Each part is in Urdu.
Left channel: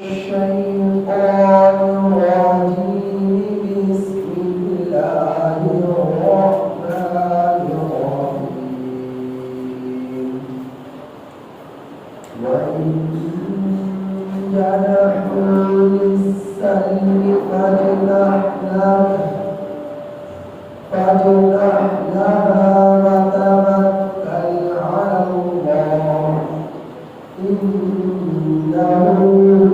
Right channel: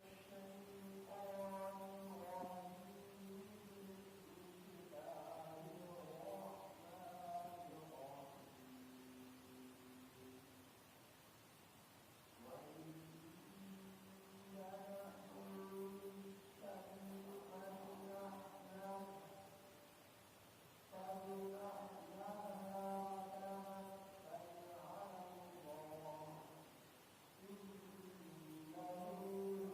الشيطان الرجيم بسم الله الرحمن الرحيم وإن جنحوا للسلم فاجنح لها وتوكل على الله إنه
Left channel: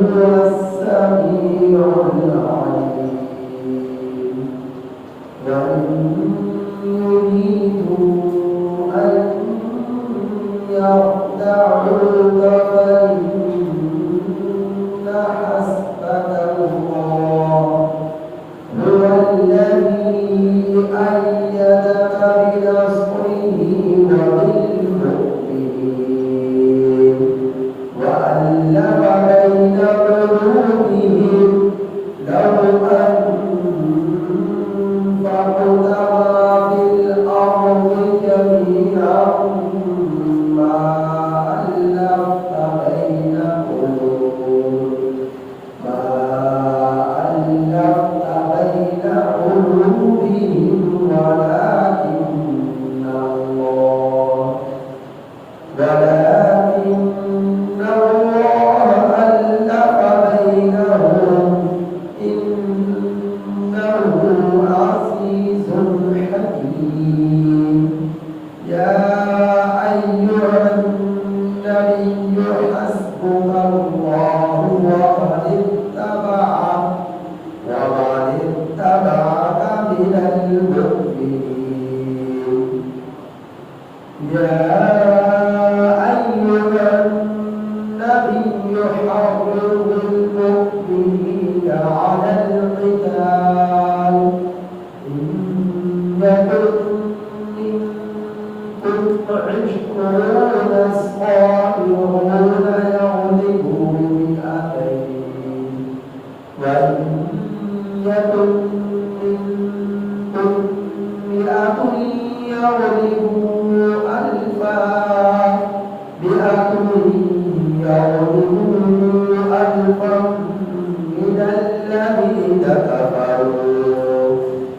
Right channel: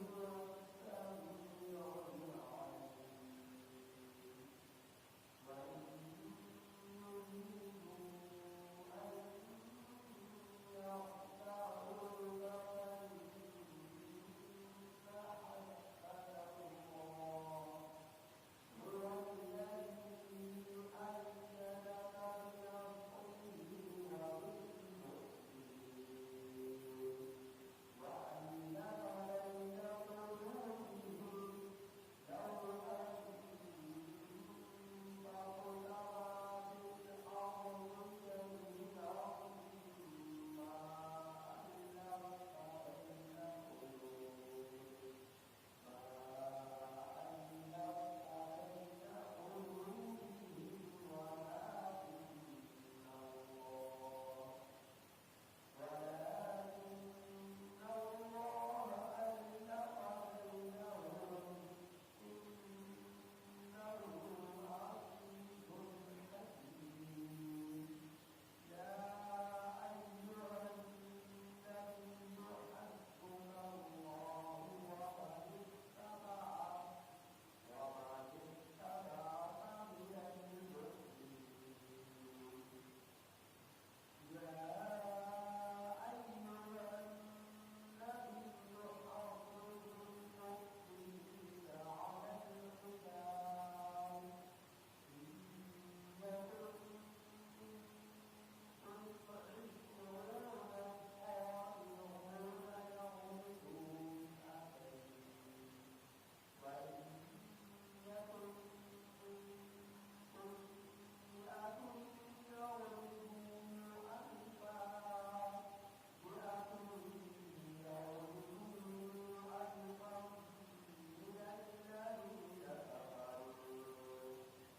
هو السميع العليم وإن يريدوا أن يخدعوك فإن حسبك الله هو الذي أيدك بنصره وبالمؤمنين وألف بين قلوبهم لو أنفقت ما في الأرض جميعا ما ألفت بين قلوبهم ولكن الله ألف بينهم إنه عزيز حكيم يا أيها النبي حسبك الله ومن اتبعك من المؤمنين يا أيها النبي حرض المؤمنين على القتال إن يكن منكم 20 صابرون يغلبوا 200 وإن يكن منكم 100 يغلبوا 100 يغلبوا ألفا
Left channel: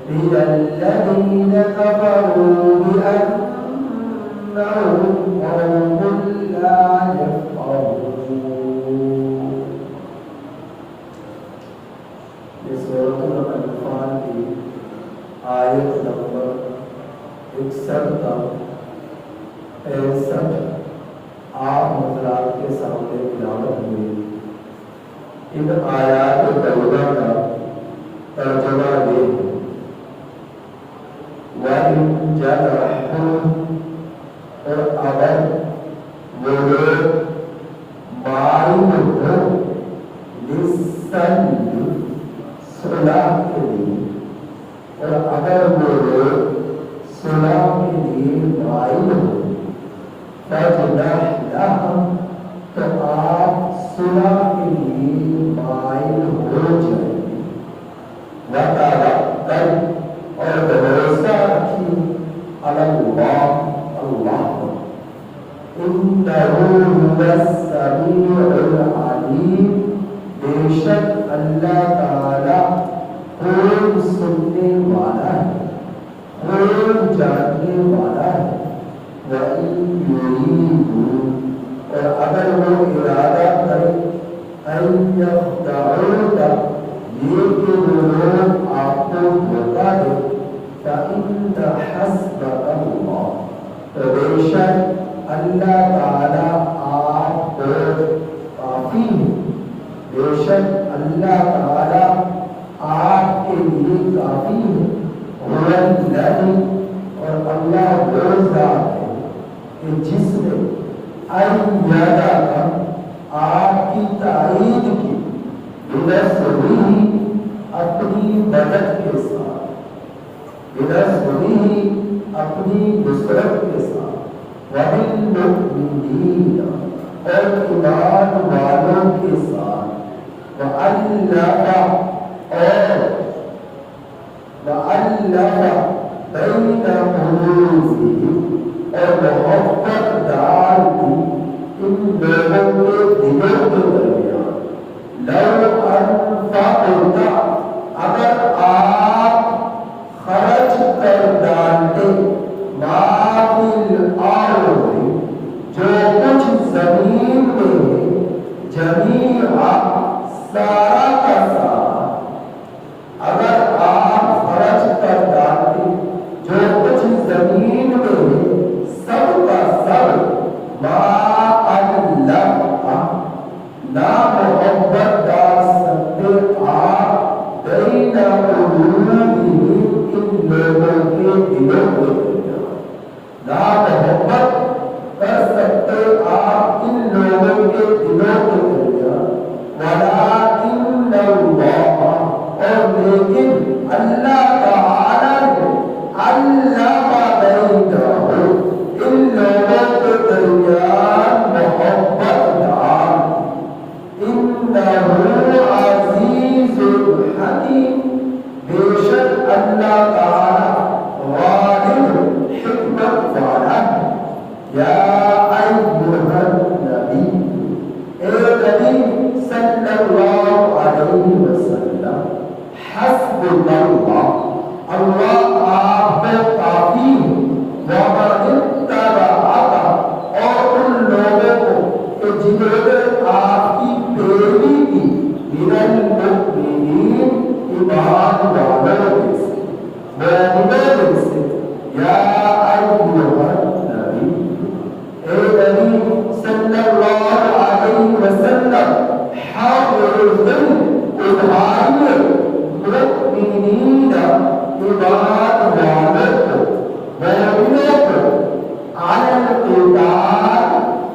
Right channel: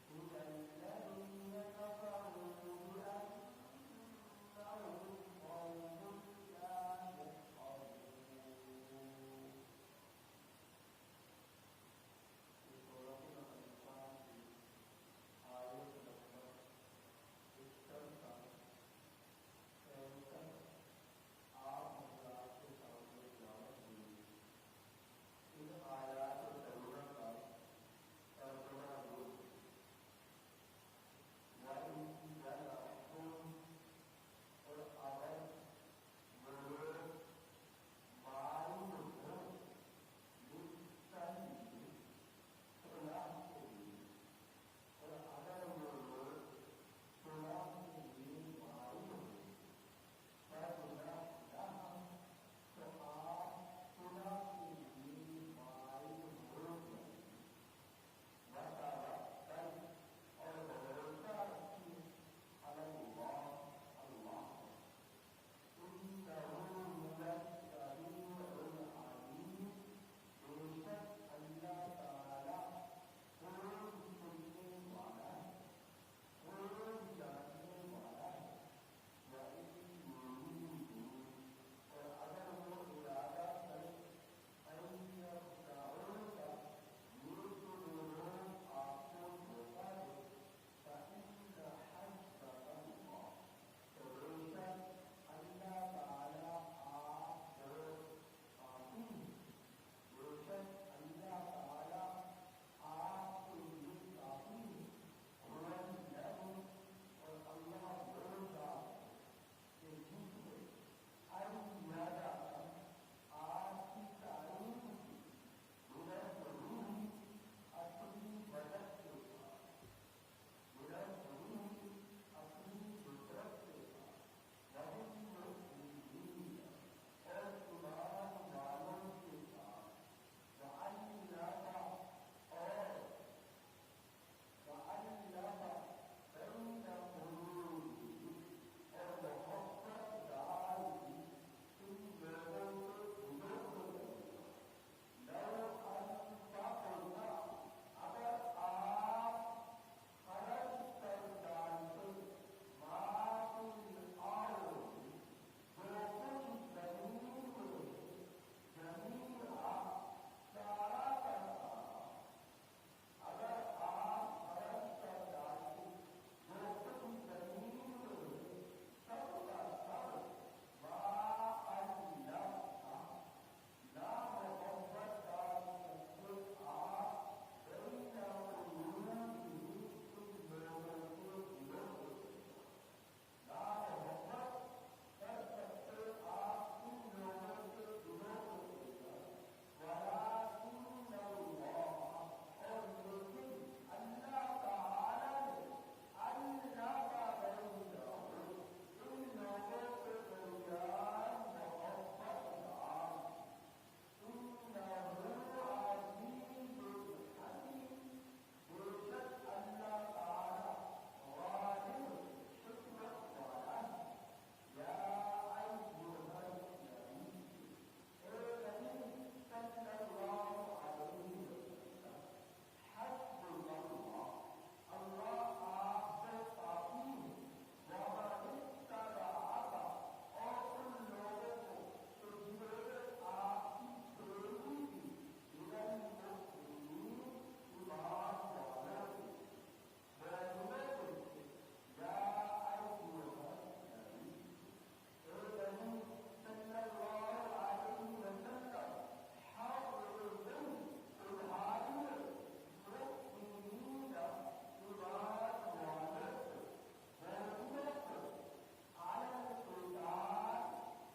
من الذين كفروا بأنهم قوم لا يفقهون. یہ سورۃ الانفال کی آیت نمبر 61 کا 65 آپ حضرات کے سامنے تلاوت ہوئی. ان آیات کریمہ کا ترجمہ یہ ہے وَإِن جَنَحُوا اور اگر وہ لوگ مائل ہو لِلسَّلْمِ صلح کے لیے اور اگر وہ لوگ صلح کے لیے مائل ہو فَاجْنَحْ لَهَا تو آپ صلح کے لیے مائل ہو جائیں وَتَوَکَّلْ اور بھروسہ رکھیں علی اللہ اللہ إِنَّهُ هُوَ السَّمِيعُ الْعَلِيمُ بے شک اللہ تعالی خوب سننے والا ہے خوب جاننے والا ہے وَإِن يُرِيدُوا اور اگر وہ ارادہ کرے أَن يَخْدَعُوكَ یہ کہ وہ لوگ آپ کو دھوکہ دے فَإِنَّ حَسْبَكَ اللَّهُ تو بے شک اللہ تعالی آپ کو کافی ہے بے شک اللہ تعالی آپ کے لیے کافی ہے هُوَ الَّذِي اور اللہ وہ ذات ہے کہ جس نے أَيَّدَكَ آپ کی تائید کی بِنَصْرِهِ اپنی مدد کے ساتھ بِنَصْرِهِ اپنی نصرت کے ساتھ وَبِالْمُؤْمِنِينَ اور ایمان والوں کے ساتھ وَأَلَّفَ بَيْنَ قُلُوبِهِمْ اور محبت ڈال دی ان لوگوں کے دلوں کے درمیان فیہا سارا کا سارا اگر آپ خرچ کر ڈالتے جو کچھ زمین میں ہے سب کا سب ما اللہ نہ محبت ڈال سکتے آپ بین قلوبہم ان لوگوں کے دلوں میں نہ محبت کر سکتے آپ ان لوگوں کے دلوں کے درمیان ولکن اللہ اور لیکن اللہ تعالی نے علم بینہم ان لوگوں کے درمیان محبت ڈال انہ عزیز حکیم بے شک اللہ تعالی غالب حکمت والا ہے یا ایھا النبی اے نبی صلی اللہ علیہ وسلم حسبک اللہ اللہ آپ پہ کافی ہے ومن اتبعک اور ان لوگوں کو کہ جنہوں نے آپ کی پیروی کی من المؤمنین ایمان والوں میں سے مومنوں میں سے یا ایھا النبی اے نبی صلی اللہ علیہ وسلم حافظ ادھائیے مؤمنین ایمان والوں کو مومنوں کو علی القتال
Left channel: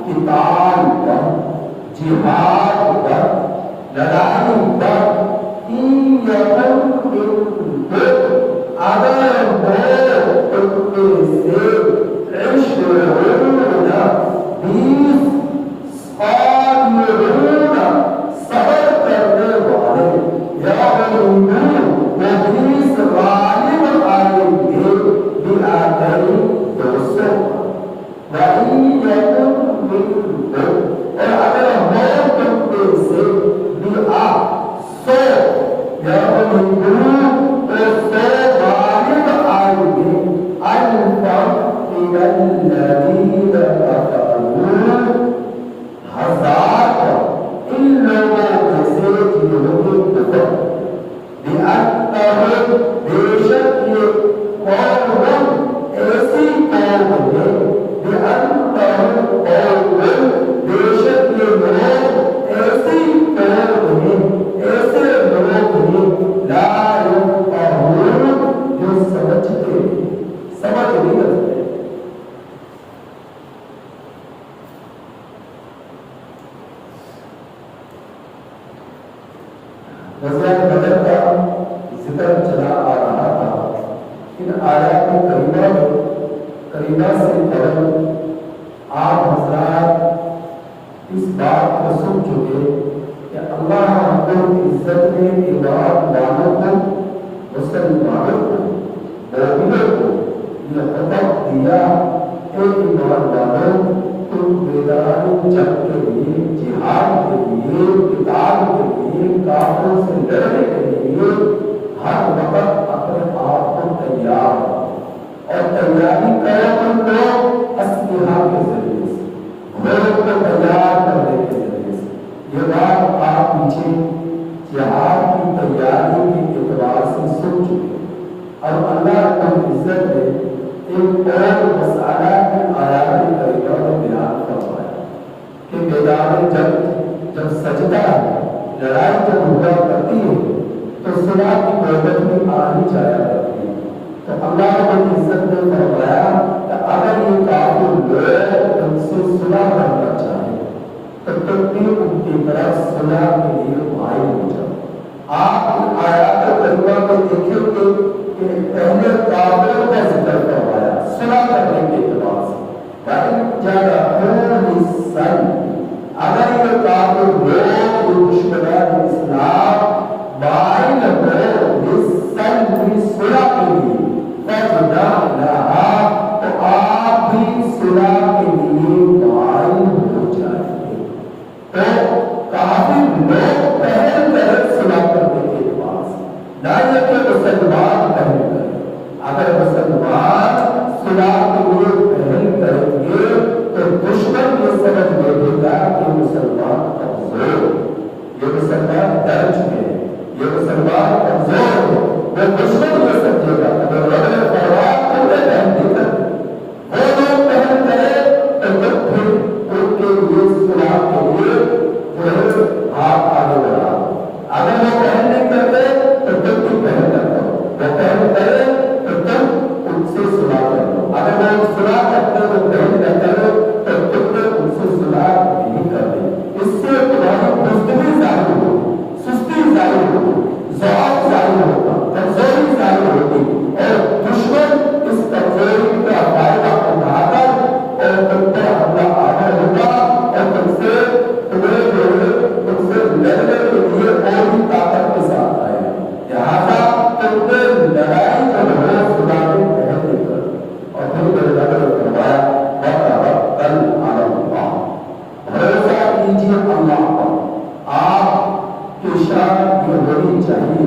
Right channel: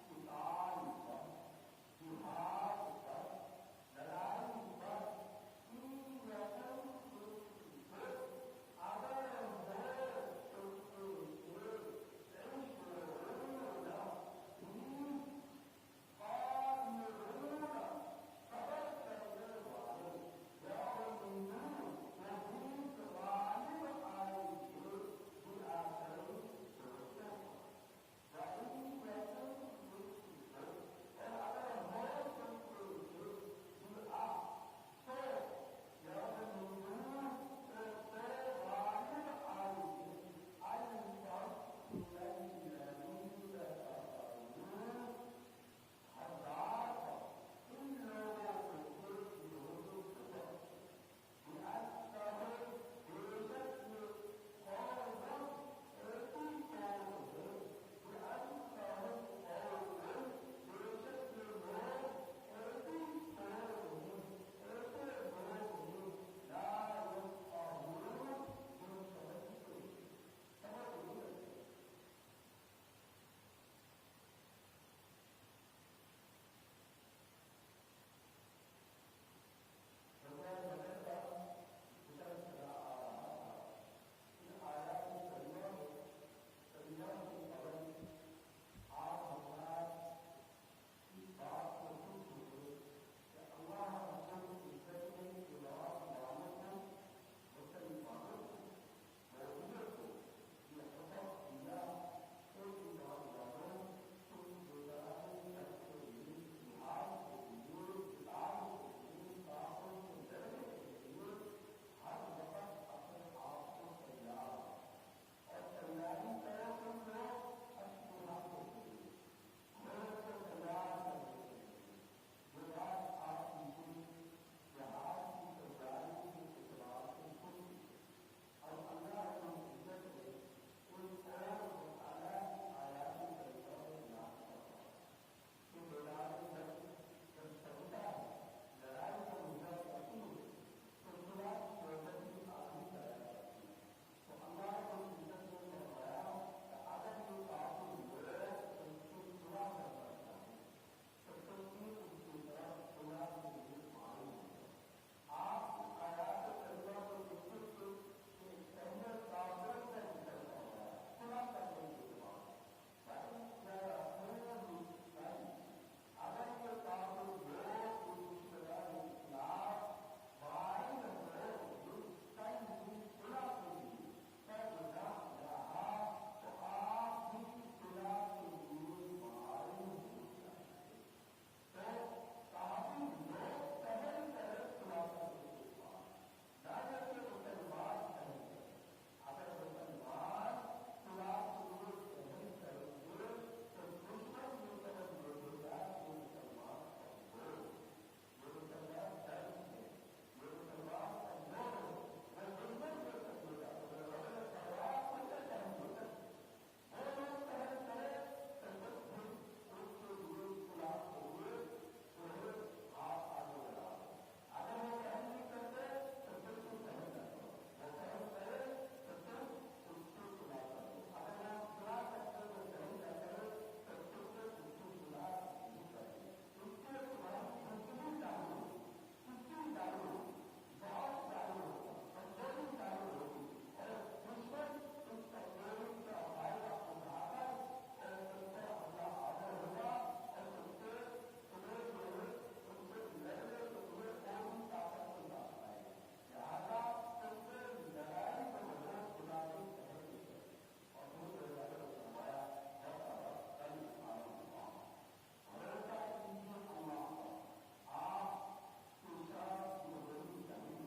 قتال پر جہاد پر لڑائی پر ان یکن منکم اگر ہو تم میں سے عشرون 20 صابرون صبر کرنے والے یغلبون وہ 20 غالب آئیں گے بِآتَيْنِ 200 وَإِن یکن منکم اور اگر ہو تم میں سے 100 یغلبون وہ 100 غالب آئیں گے الفا من الذین کفروا ہزار ان لوگوں میں سے جنہوں نے کفر بِأَنَّهُمْ بے شک یہ قوم ایسی قوم ہے بِأَنَّهُمْ قوم بے شک یہ لوگ ایسی قوم ہے ایسے لوگ ہیں لا يفقهون جو سمجھتے سمجھ نہیں رکھتے غزوہ بدر کا ذکر چلا آ رہا تھا ان آیات کریمہ سے قبل آپ حضرات اس بات کو سن چکے کہ اللہ رب العزت نے ایمان والوں کو مسلمانوں کو مومنوں کو یہ حکم دیا کہ ایمان والوں تم میدان جنگ کے لیے جہاد کے لیے قتال کے لیے کافروں سے لڑنے کے لیے ہر وقت اپنے آپ کو تیار اور تیاری کرو تم لوگ اسلحہ کے ذریعے سے گھوڑوں کو تیار کرنے کے ذریعے سے یہ بات آپ پیچھے جہاد کی تیاری کے اعتبار سے سن چکے اور اللہ رب العزت نے ایک اور مسئلہ کی آیات کریمہ میں بیان فرمایا کہ میدان جنگ جب سجدہ ہے لڑائی جب ہوا کرتی ہے تو صلح کی نوبت بھی آنی جایا کرتی ہے تو اللہ رب العزت نے فرمایا کہ اگر یہ کافر لوگ تم سے صلح کرنا چاہے تو تم بھی ان کی طرف صلح کے لیے مائل ہو جاؤ آپ آیات کریمہ میں دیکھیں کہ پہلے کافروں کا ذکر کروایا صلح کرنے کے اعتبار سے وَإِن جَنَحُوا لِلسَّلْمِ اگر یہ کافر لوگ دشمنان اسلام مائل ہو لِلسَّلْمِ صلح کے لیے فَجْنَحْ لَهَا تو آپ بھی صلح کے لیے مائل ہو جائیں گے تو کافر لوگ پہل کریں صلح کرنے کے اعتبار سے نہ یہ کہ مسلمان پہل کریں اگر مسلمان صلح کے لیے پہل کریں گے تو دشمن یہ سمجھ لے گا کہ مسلمان کمزور ڈر چکے ہیں. یہ مسلمان کمزور ہے، وہ دشمن یہ سمجھے گا اگر رب نے فرمایا تم نے پہن دی کر وہ لوگ پہن کرے تو جب پھر ان کے لیے صلاح کے لیے جو ہے ہاتھ آگے بڑھا. اگر وہ پہن نہیں کرتے تو تم بھی پہن کر دو، وہ پہن کرے تو تم ان سے صلاح کر دو. اگر وہ صلاح کرتے تو پہن نہ کرو تو تم نے ان سے صلاح نہیں کر دی. اس سے تمہاری بزدلی ظاہر ہوگی، سستی ظاہر ہوگی، ضعف ظاہر ہوگا، کمزوری ظاہر ہوگی، اور دشمن اس کمزوری کا فائدہ اٹھا کر اور تم پر حملہ آور ہوگا اور تم سے تمہیں جو ہے تم سے لڑنے کے لیے اور بھی طاقت کے ساتھ آئے گا. لہٰذا تم نے لڑائی جو ہے خدا نے پہن لی کر. اور پھر میرے نبی نے فرمایا وتوکل علی اللہ، بھروسہ کیجیے اللہ پر. آپ کی شان یہ ہونی چاہیے،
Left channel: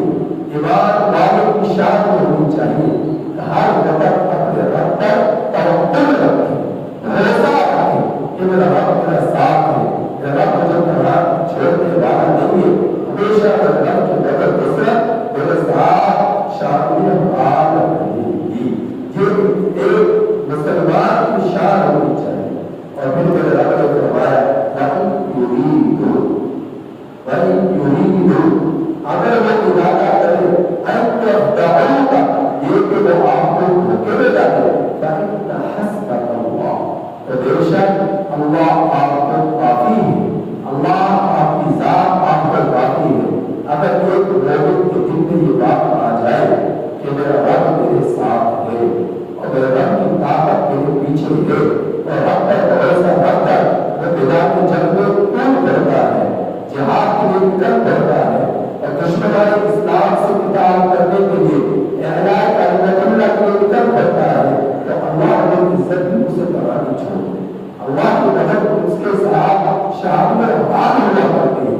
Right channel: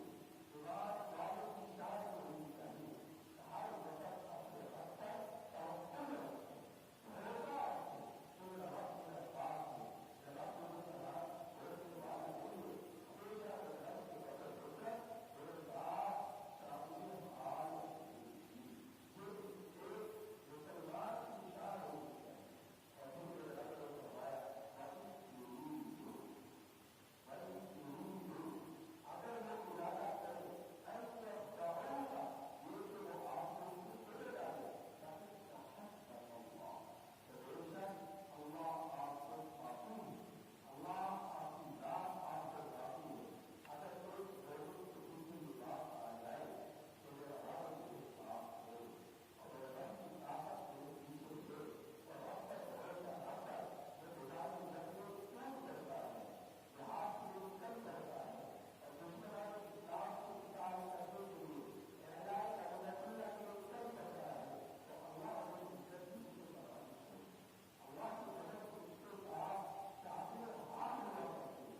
ایمان والوں کی شان یہ ہونی چاہیے کہ ہر وقت اپنے رب پر توکل رکھیں، بھروسہ رکھیں کہ میرا رب میرا ساتھ ہے، میرا رب مجھے کبھی چھوڑنے والا نہیں ہے. ہمیشہ میرے رب کی مدد نصرت میرے ساتھ شامل حال رہے گی. یہ ایک مسلمان کی شان ہونی چاہیے. اور پھر میرے رب نے فرمایا اگر وہ ارادہ کرے یہ کہ وہ آپ کو دھوکے میں ڈالے تو بے شک اللہ آپ کو کافی ہے، اللہ آپ کی ذات آپ کو کافی ہے. اگر ایک مومن کے دل میں یہ بات آ جائے کہ میرا رب میرے ساتھ ہے اور میرے رب کی طاقت میرے پیچھے ہے اور رب پر بھروسہ رکھ کر وہ میدان کی جنگ میں کود کرتا ہے، جہاد کے لیے نکل پڑتا ہے اور دشمنان اسلام سے قتال کرنے کے لیے اعلاء کلمۃ اللہ کے لیے نکل پڑتا ہے تو اللہ رب العزت بھی اسے پناہ نہیں چھوڑتے. اللہ کی مدد اس کے ساتھ شامل حال ہوا کرتی ہے،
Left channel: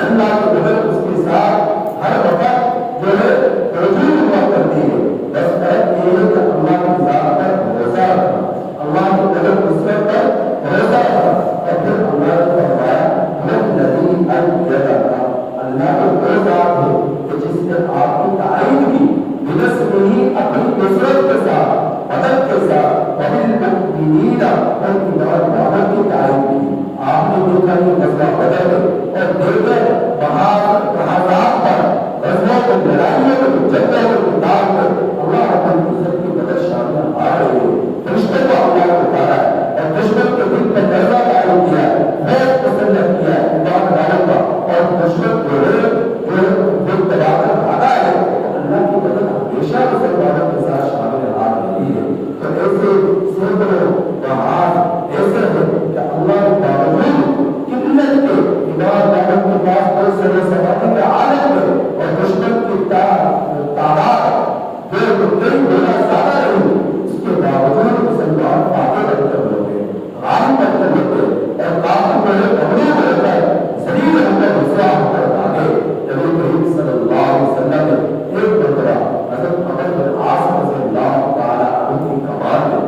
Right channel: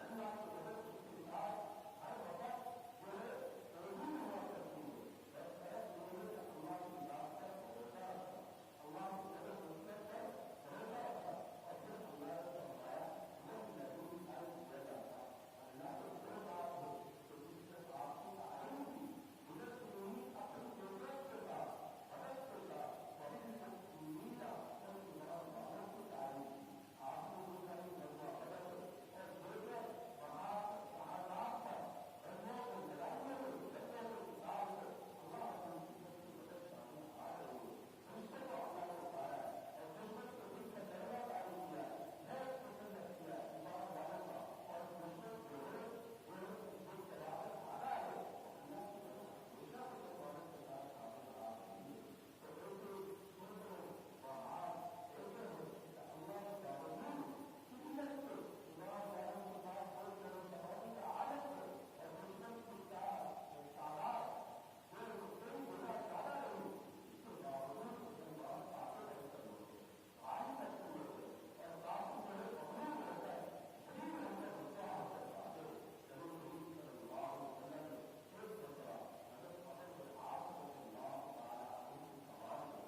اللہ کی مدد اس کے ساتھ ہر وقت جو ہے موجود ہوا کرتی ہے. بس فرق یہ ہے کہ اللہ کی ذات پر بھروسہ رکھنا، اللہ کی مدد نصرت پر بھروسہ رکھنا. اور پھر اللہ نے فرمایا اللہ کو وہ ذات ہے کہ جس نے آپ کی تائید کی بنصرہ اپنی نصرت کے ساتھ، مدد کے ساتھ، وبالمؤمنین اور ایمان والوں کی تائید کی. آپ نے دیکھا یہ غزوہ بدر اور دیگر محاذات پر غزووں کو، لڑائیوں کو، جنگوں کو، قتال میں اللہ رب العزت کی مدد شامل آ رہی ہے. فرشتوں کو اللہ نے اتارا ہے اور دشمن کے دل پر درزہ قائم کیا ہے، بہت مسلط کیا ہے ایمان والوں کا. اور دشمن جو ہے جو تباہ کر بھاگا ہے اللہ کی مدد ہمیشہ مسلمانوں کے ساتھ شامل آ رہی ہے. تو ایسے سینکڑوں بہار ایسے ہیں کہ اللہ کے باوجود قلت کے ایمان والوں کے پاس کوئی سر سماعی کے عالم میں اور دشمن کی تعداد جو کئی گنا زیادہ رہی، اس کے باوجود مسلمان آگے بڑھ کر لوگے غالب بن کر لوگے اور کافی بڑے مغلوب ہو کر ذلیل ہو کر رسوا ہو کر آگے. نبی کریم صلی اللہ علیہ وسلم نے ایک مرتبہ حضرت عمر بن عاص رضی اللہ تعالی عنہ کی کمان میں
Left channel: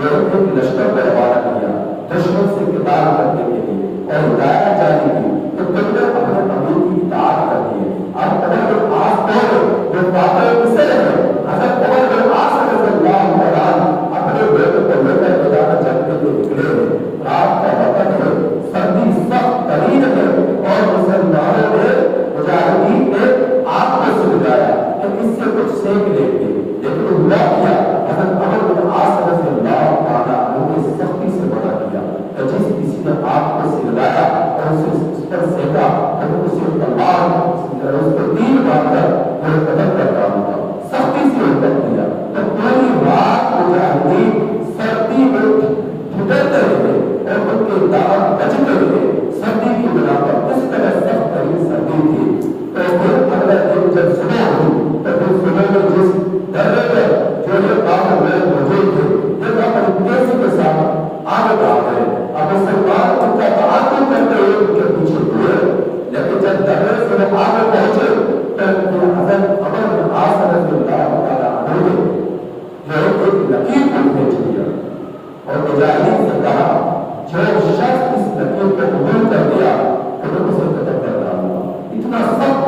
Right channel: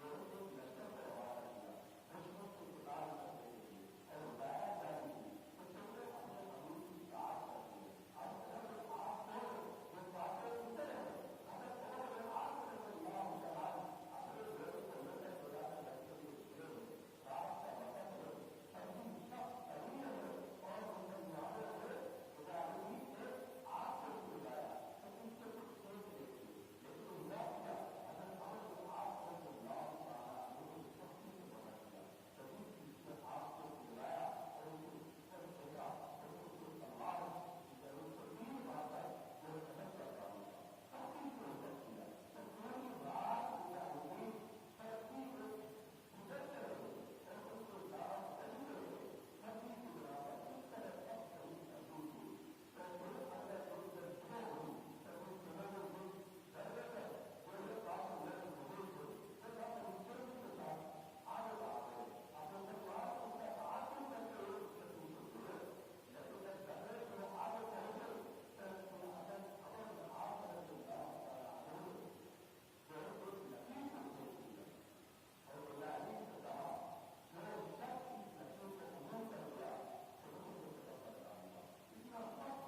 جو ایک لشکر کو روانہ کیا دشمن سے قتال کرنے کے لیے اور ہدایت جاری کی تو تم نے اپنے امیر کی اطاعت کر دی. اب عمر بن عاص کو جو فاتح مصر ہے حضرت عمر بن عاص رضی اللہ تعالی اپنے بیٹے کو لے کر میدان جنگ کے لیے نکلے ہیں. رات کا وقت ہے، سردی سخت ترین ہے اور مسلمانوں نے مجاہدین نے آگ کو سلگایا کہ اس سے کچھ سیکھ لیں گے، لیکن ہوا کیا حضرت عمر بن عاص رضی اللہ تعالی عنہ نے سختی سے منع کیا کہ جس کسی نے آگ کو سلگایا اور اسے اس پر سینکا تو اسے تلوار اس کو تیر مار کر وہ قتل کر ڈالوں گا. سختی سے حکم دیا تو پوری رات مجاہدین سردی میں ٹھٹرتے رہے اور ان کے دعوت بچتے رہے. سردی کی بنا پر اس طرح سخت ترین سردی تھی. تو پھر اگلے دن جب صبح ہوئی تو پھر صبح میں جس درے پر جو یہ کام میں موجود تھے جب اپنی تیزی کے ساتھ آگے بڑھ گئے. اب مسلمان ان کا تعاقب کرتے ہوئے ان کے پیچھے ہوئے، لیکن جب درے سے وہ آگے پہنچے تو حضرت عمر بن عاص رضی اللہ تعالی عنہ نے ایک لکیر کو کھینچ لیا اور مجاہدین سے کہا جو شخص اس لکیر کو قبول کر لیا تو اسے قتل کر ڈالوں گا. اتنا سخت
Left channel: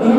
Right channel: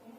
3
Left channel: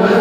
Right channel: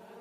2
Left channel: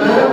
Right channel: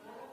2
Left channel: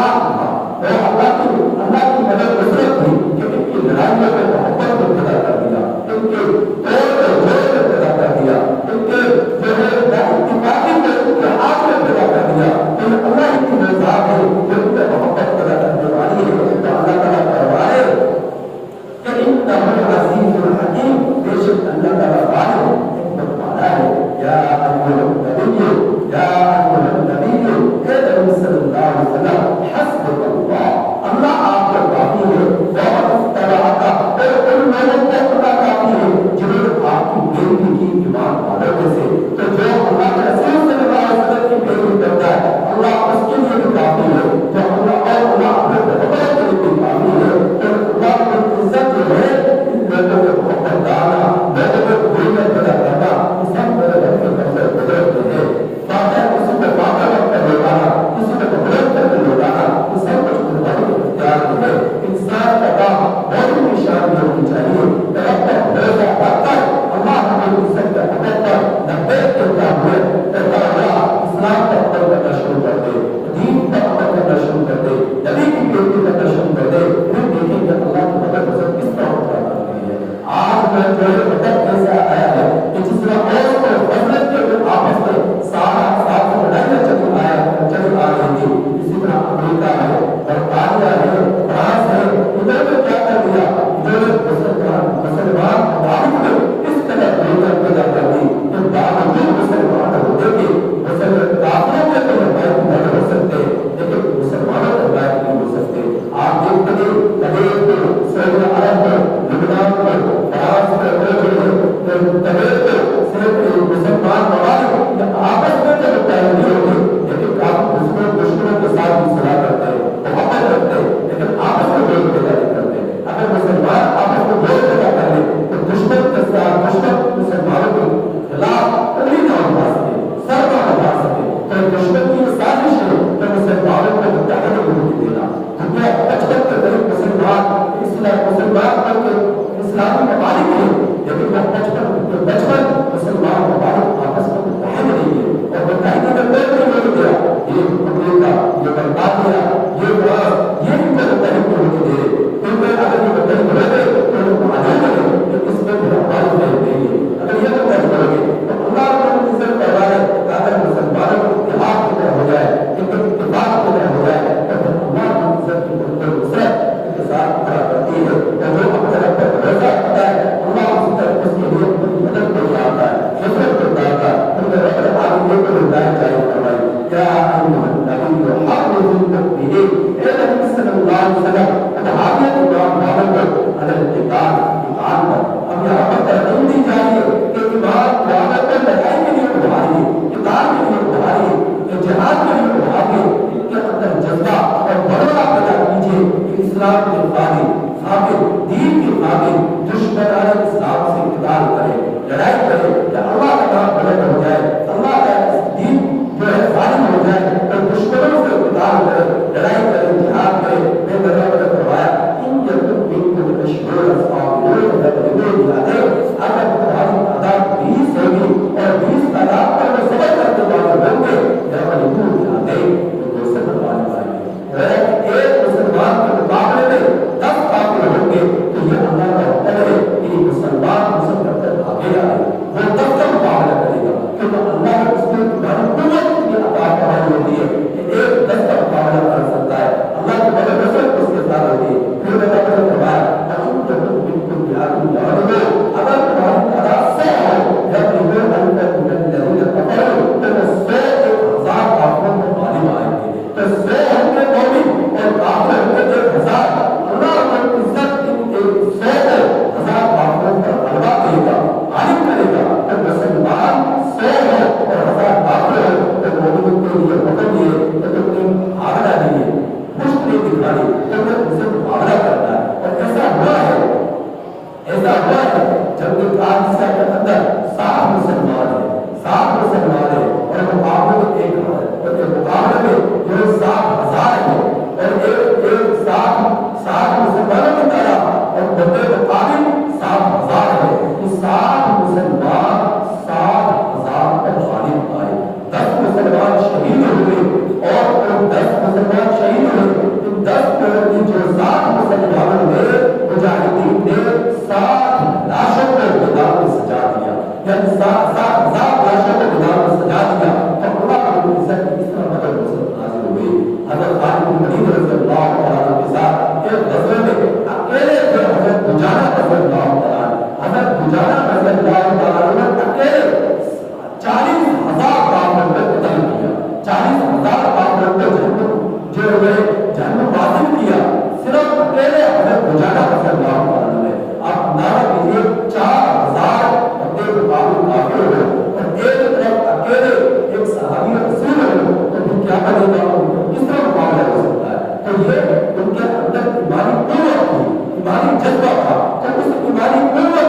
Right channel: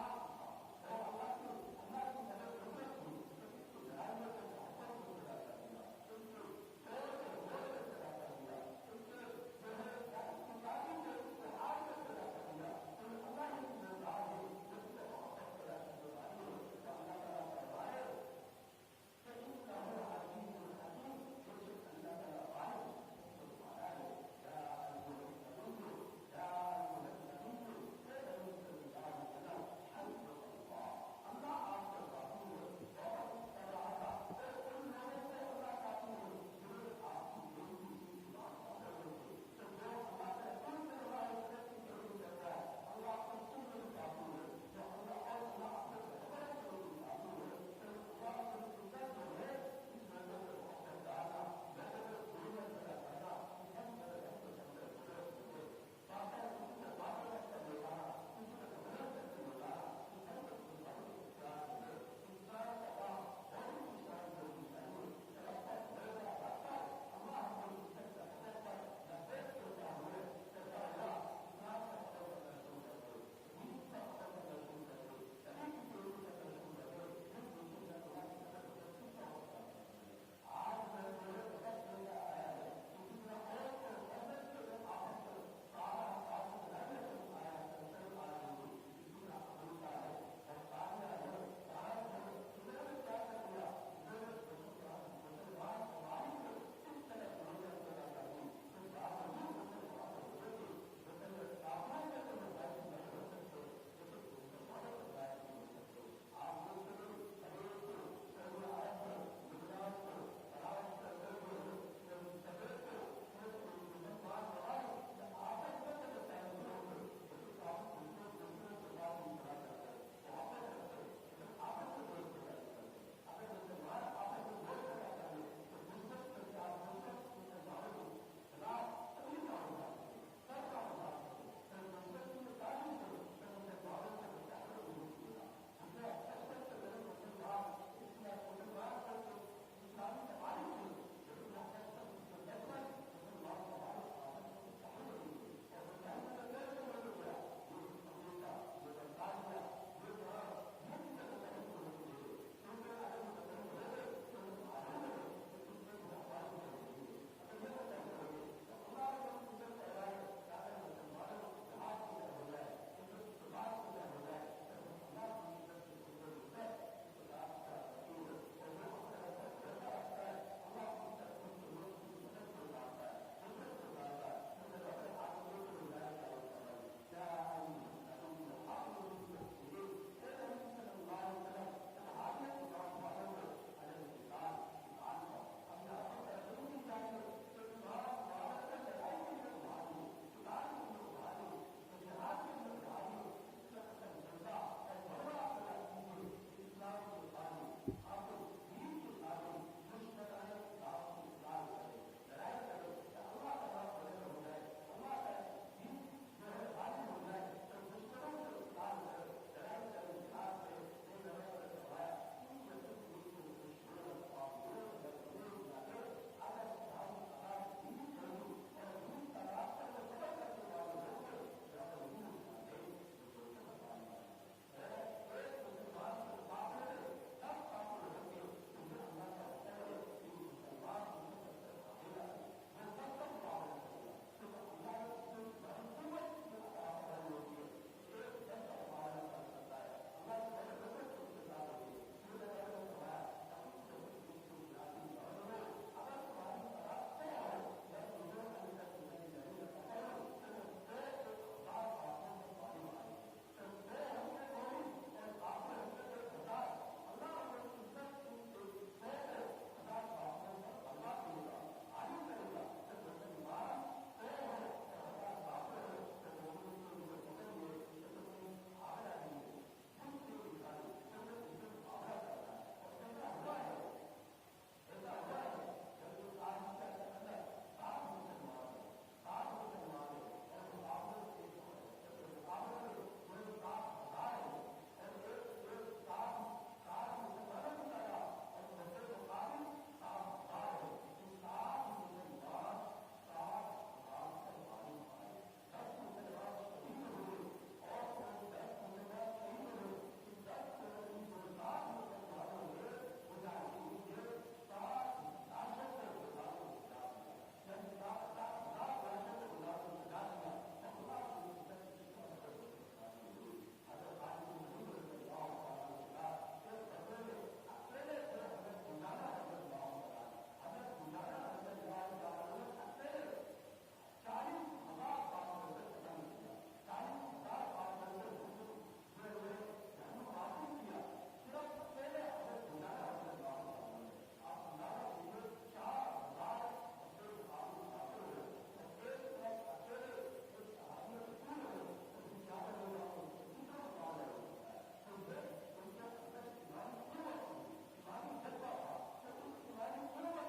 اتحاد تھا اور اللہ کی مدد نصرت تھی کہ ان کی لڑائیوں میں محبت کو پیدا کر دیا، ان کے توڑ کو جوڑ کو پیدا کر دیا، ان کے جو ہے اتفاقی کو اتحاد میں پیدا کر دیا۔ تو اللہ کی رضا ہے جو ان میں محبت پیدا کرنے والی ہے۔ تو اللہ تعالیٰ فرمائے کہ انہ عزیز الحکیم، بے شک اللہ تعالیٰ غالب حکمت والا ہے۔ یا ایھا النبی، یا ایھا النبی، اے نبی صلی اللہ علیہ وسلم، حسبک اللہ، اللہ آپ کو کافی ہے، ومن اتبعک، اور ان لوگوں کو اللہ کافی ہے جنہوں نے آپ کی پیروی کی ایمان والوں میں سے۔ تو جو اللہ کے رسول صلی اللہ علیہ وسلم کی پیروی کرتا ہے اللہ اس کے لیے بھی کافی ہے، جو اللہ اپنے پیغمبر کے لیے بھی کافی ہے۔ اور اللہ کی عزت جو ہے ان لوگوں میں محبت ڈالنا، لوگوں میں محبت پیدا کرنا، یہ سب میرے رب کے طرف سے قدرت ہے۔ واقعہ کسی کو واقعہ وقت کر لوٹانا، کسی کو قدرت کر کے لوٹانا، یہ سب کچھ قربانی کے اختیار میں ہے۔ انسان کا کام بہت ہی شان میں ہونی چاہیے۔ رب کا بھروسہ رکھ کر اللہ ہمیں عزت کا حقیقت پر لبیک کہتا ہوئے کہتا ہوا اسلام پر عمل کرنا شروع کر دے، دین پر عمل کرنا شروع کر دے، نبی کی پیروی کرنا شروع کر دے، پھر دیکھیں کہ اللہ کی مدد نصرت کس طرح ہوتا کرتی ہے۔ آج میں جو ہے مدد کیسے آیا ہے کہ جس طرح اوس اور خزرج کے آپس میں ساتھ لڑائیاں چلی آ رہی تھی، اسی طرح امریکہ ہے، برطانیہ ہے، فرانس ہے، ادھر میں کیا کر دیا، ادھر مسلمان ممالک میں اس طرح لڑائیاں پیدا کر دی کہ باوجود مسلمان ہونے کے کافروں کے تو روایت نہیں ہو سکتے لیکن مسلمانوں کے روایت نہیں ہو سکتے۔ آپ دیکھتے ہیں کویت میں، سعودی عرب میں، لبنان میں، فرانس میں، مسلمان ممالک آپس میں تو متحد نہیں ہوتے لیکن آپ دشمنوں کے ساتھ بھی صلاح کرتے ہیں، محبت رکھتے ہیں، لیکن آپس میں ووٹ پیدا نہیں کرتے۔ اگر مسلمان آپس میں ووٹ پیدا کر لیں تو دشمن کے ساتھ دشمن مسلمانوں کے خلاف انگلی نہ اٹھا سکے، سر نہ اٹھا سکے۔ تو دشمن کی یہ سازش ہے کہ مسلمانوں کو متحد نہیں ہونے دینا۔ دنیا بچپن کے قریب مسلمان بن کے اسلامی ممالک ہیں لیکن وہ بچپن مسلمان ممالک آپس میں متحد نہیں ہے اور متحدہ کا کوئی نہیں ہونے دیا۔ یہ امریکہ، یہ برطانیہ، یہ فرانس، یہ ان کو متحد نہیں ہونے دے رہے کیونکہ اگر یہ متحد ہو گئے تو ان کو معلوم ہے کہ اس میں پھر ہماری محنت نہیں ہے۔ اگر یہ متحد ہو گئے تو اللہ کو عزت کروا ہے کہ اگر مسلمانوں کو اتحاد کی طرح ہو جائے، ایک اتفاق کی طرح ہو جائے تو پھر اللہ کی عزت کی نصرت کے ساتھ کھڑا کرتی ہے۔ اور جو اپنے رب پر بھروسہ رکھتا ہے اللہ اسی طرح اس کے لیے اپنی مدد کو ڈالتا ہے، نصرت کو ڈالتا ہے۔ ان میں رب العالمین کو ہدایت جاری فرمائی۔ یا ایھا النبی حرض المؤمنین، اے نبی صلی اللہ علیہ وسلم اتحادیت ایمان والوں کو علی القتال، ایمان پر۔ اب یہاں پر ترغیب دی جا رہی ہے کہ ایمان والوں کو لڑائی کے لیے ابھاریے، قتال کے لیے ابھاریے، جہاد کے لیے ابھاریے، ان کے اندر جذبہ اور بڑھوا پیدا کیجیے کہ اسلام کے خادم دین کے خادم دشمنان اسلام سے قتال کرے، لڑائی کرے کہ اللہ کا نام بلند ہو جائے، اللہ کا دین جو ہے غالب ہو جائے اور دشمنوں سے قتال کرے، لڑائی کرے، جہاد کرے۔ میں نے فرمایا ان یکن منکم عشرون صابرون یغلبوا مئتین، اگر تمہاری تعداد 20 ہوگی اور 20 تعداد پر وہ صبر کرنے والے ہوں گے یغلبوا مئتین، تو 200 والے آئیں گے۔ ایک مسلمان کے مقابلے میں 10 کافر ہوں گے تو یہ اللہ کا حکم ہے کہ مسلمان مسلم کر آگے آئے، وہ 10 کا مقابلہ کرے گا کیونکہ اللہ نے اس کو تمہاری قوت کی عطا فرمائی ہوتی ہے کہ ایک 10 کا مقابلہ کر سکتا ہے، اللہ کی مدد نصرت اس کے ساتھ ہوتی ہے۔ پھر میں نے فرمایا اگر تمہاری تعداد 100 ہو یغلبوا الف من الذین کفروا، تو 100 1000 کافروں کو غالب آئیں گے۔ تو 100 ہوں گے مومن اور کافر ہوں گے 1000۔ اللہ رب العزت ان 100 کو 1000 کافروں پر غلبہ دے گا، غالب کرے گا۔ تو مسلمان 100 ہو اور 1000 کافر ہو تو مومنوں کے لیے حکم یہ کہ تم نے بھاگنا نہیں ہے، مشت نہیں دکھانی، تمہیں ان سے مقابلہ کرنا ہے۔ اور ایسا ہوا ہے جنگ قادسیہ کے اندر 60 مسلمان ہیں اور مقابلے میں ایک مقابلے میں جو 60,000 ہیں اور ایک 60 مسلمانوں کی طرح اور بندے مقابل 60,000 ہیں۔ یہ 60 مسلمان 60,000 پر غالب آئے۔ 10 مسلمان شہید ہوئے اور 10 مسلمان شہید ہوئے حضرت خالد بن ولید رضی اللہ تعالیٰ عنہ کے ساتھ ایک غزوے میں اکیلے تھے حضرت دجانہ رضی اللہ تعالیٰ عنہ. حضرت دجانہ رضی اللہ تعالیٰ عنہ اکیلے 40,000 کافروں کو قتل کیا. 40,000 کافروں کو جو جہنم واصل کیا صرف اکیلے حضرت دجانہ رضی اللہ تعالیٰ عنہ نے. آپ اندازہ کیجیے 4,000 بندے مقابل کافر ہو اور ایک طرف اکیلے ایک صحابی رسول ہو تو پھر کیا کرے گا, کس طرح مقابلہ ہو سکتا ہے؟ تو یہ ان کے اندر ایمانی قوت تھی, ایمانی جذبہ تھا. تو اس ایمانی قوت